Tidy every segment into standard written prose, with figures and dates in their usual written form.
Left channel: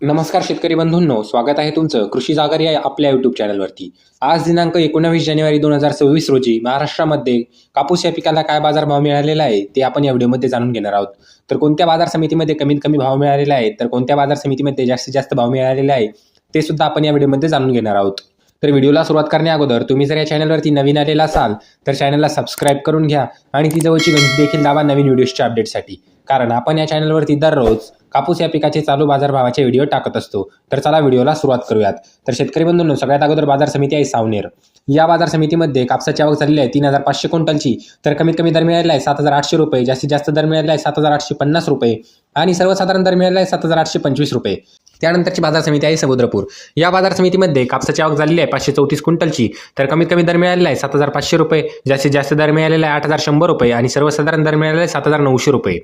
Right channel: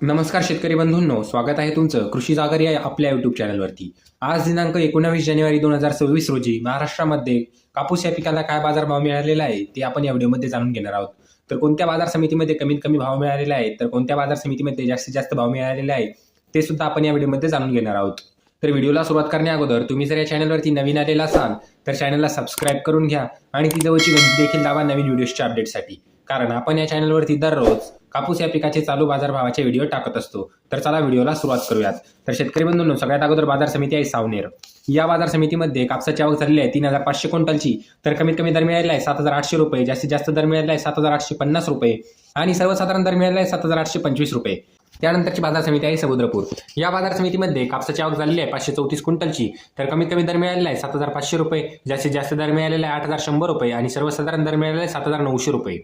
नमस्कार शेतकरी बंधूंनो, स्वागत आहे तुमचं कृषी जागर या आपल्या यूट्यूब चॅनलवरती। आज दिनांक 19 जानेवारी 2026 रोजी महाराष्ट्रामध्ये कापूस या पिकाला काय बाजारभाव मिळालेला आहे ते आपण या व्हिडिओमध्ये जाणून घेणार आहोत। तर कोणत्या बाजार समितीमध्ये कमीत कमी भाव मिळालेला आहे, तर कोणत्या बाजार समितीमध्ये जास्तीत जास्त भाव मिळालेला आहे ते सुद्धा आपण या व्हिडिओमध्ये जाणून घेणार आहोत। तर व्हिडिओला सुरुवात करण्या अगोदर तुम्ही जर या चॅनलवरती नवीन आलेला असाल तर चॅनलला सबस्क्राईब करून घ्या आणि ती जवळची घंटी देखील दाबा नवीन व्हिडिओच्या अपडेटसाठी, कारण आपण या चॅनलवरती दररोज कापूस या पिकाचे चालू बाजारभावाचे व्हिडिओ टाकत असतो। तर चला व्हिडिओला सुरुवात करूयात। तर शेतकरी बंधूंनो, सगळ्यात अगोदर बाजार समिती आहे सावनेर। या बाजार समितीमध्ये कापसाची आवक झालेली आहे 3500 क्विंटलची। तर कमीत कमी दर मिळालेला आहे 7800 रुपये, जास्तीत जास्त दर मिळालेला आहे 7850 रुपये आणि सर्वसाधारण दर मिळालेला आहे 7825 रुपये। त्यानंतरची बाजार समिती आहे समुद्रपूर। या बाजार समितीमध्ये कापसाची आवक झालेली आहे 534 क्विंटलची। तर कमीत कमी दर मिळालेला आहे 7500 रुपये, जास्तीत जास्त दर मिळालेला आहे 8100 रुपये आणि सर्वसाधारण दर मिळालेला आहे 7900 रुपये।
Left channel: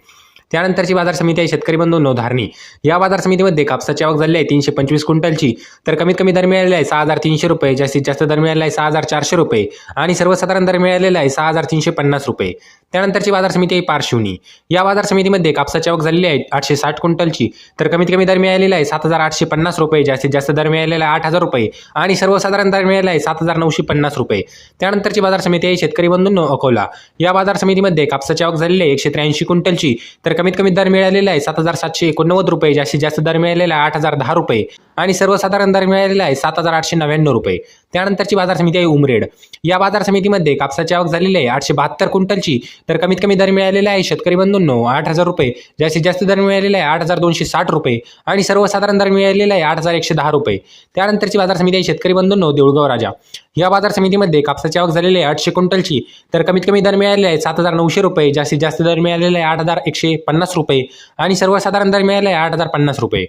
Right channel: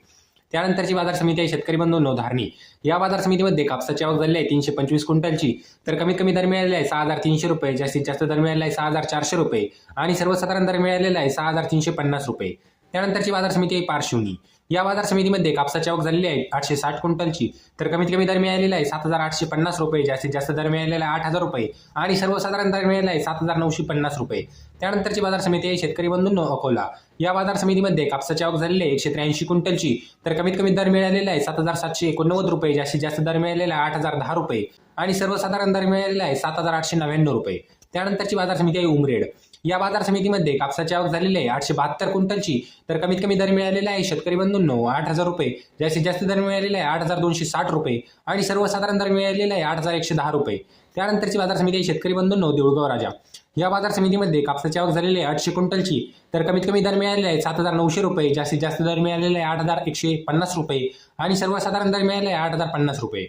त्यानंतरची बाजार समिती आहे शेतकरी बंधूंनो धारणी। या बाजार समितीमध्ये कापसाची आवक झाली आहे 325 क्विंटलची। तर कमीत कमी दर मिळालेला आहे 6300 रुपये, जास्तीत जास्त दर मिळालेला आहे 6400 रुपये आणि सर्वसाधारण दर मिळालेला आहे 6350 रुपये। त्यानंतरची बाजार समिती आहे पारशिवनी। या बाजार समितीमध्ये कापसाची आवक झालेली आहे 860 क्विंटलची। तर कमीत कमी दर मिळालेला आहे 7850 रुपये, जास्तीत जास्त दर मिळालेला आहे 8000 रुपये आणि सर्वसाधारण दर मिळालेला आहे 7950 रुपये। त्यानंतरची बाजार समिती आहे शेतकरी बंधूंनो अकोला। या बाजार समितीमध्ये कापसाची आवक झालेली आहे 183 क्विंटलची। तर कमीत कमी दर मिळालेला आहे 7789 रुपये, जास्तीत जास्त दर मिळालेला आहे 8010 रुपये आणि सर्वसाधारण दर मिळालेला आहे 7899 रुपये। त्यानंतरची बाजार समिती आहे उमरेड। या बाजार समितीमध्ये कापसाची आवक झालेली आहे 872 क्विंटलची। तर कमीत कमी दर मिळालेला आहे शेतकरी बंधूंनो 8000 रुपये, जास्तीत जास्त दर मिळालेला आहे 8260 रुपये आणि सर्वसाधारण दर मिळालेला आहे 8110 रुपये। त्यानंतरची बाजार समिती आहे शेतकरी बंधूंनो देऊळगाव राजा। या बाजार समितीमध्ये कापसाची आवक झालेली आहे 800 क्विंटलची। तर कमीत कमी दर मिळालेला आहे 7900 रुपये, जास्तीत जास्त दर मिळालेला आहे 8150 रुपये आणि सर्वसाधारण दर मिळालेला आहे 8050 रुपये।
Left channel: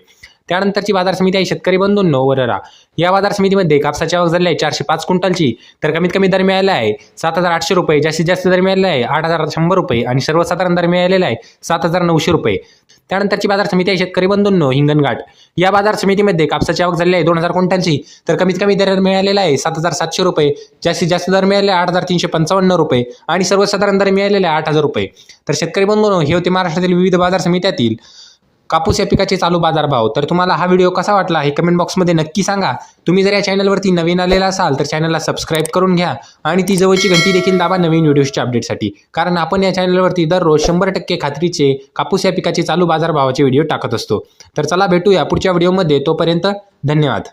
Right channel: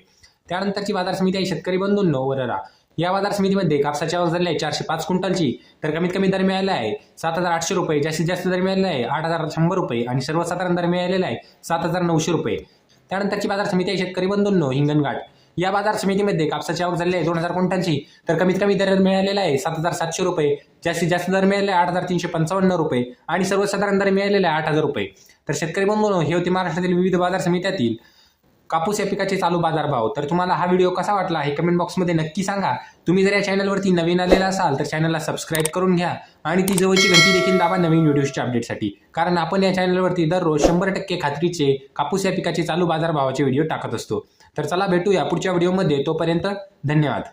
त्यानंतरची बाजार समिती आहे शेतकरी बंधूंनो वररा। या बाजार समितीमध्ये कापसाची आवक झाली आहे 405 क्विंटलची। तर कमीत कमी दर मिळालेला आहे 7800 रुपये, जास्तीत जास्त दर मिळालेला आहे 8100 रुपये आणि सर्वसाधारण दर मिळालेला आहे 7900 रुपये। त्यानंतरची बाजार समिती आहे शेतकरी बंधूंनो हिंगणघाट। या बाजार समितीमध्ये कापसाची आवक झाली आहे 2000 क्विंटलची। तर कमीत कमी दर मिळालेला आहे 7700 रुपये, जास्तीत जास्त दर मिळालेला आहे 8355 रुपये आणि सर्वसाधारण दर मिळालेला आहे 8000 रुपये। तर शेतकरी बंधूंनो, हे होते महाराष्ट्रातील विविध बाजार समित्यातील कापूस या पिकाचे चालू बाजारभाव। तर तुम्हाला हा व्हिडिओ कसा वाटला हे कमेंट बॉक्समध्ये नक्की सांगा। तुम्ही जर या चॅनलवरती नवीन आलेला असाल तर चॅनलला सबस्क्राईब करून घ्या आणि ती जवळची घंटी देखील दाबा नवीन व्हिडिओच्या अपडेटसाठी, कारण आपण या चॅनलवरती दररोज 100% खात्रीचे कापूस या पिकाचे चालू बाजारभावाचे व्हिडिओ टाकत असतो। तर चला भेटूया पुढच्या व्हिडिओमध्ये, तोपर्यंत धन्यवाद।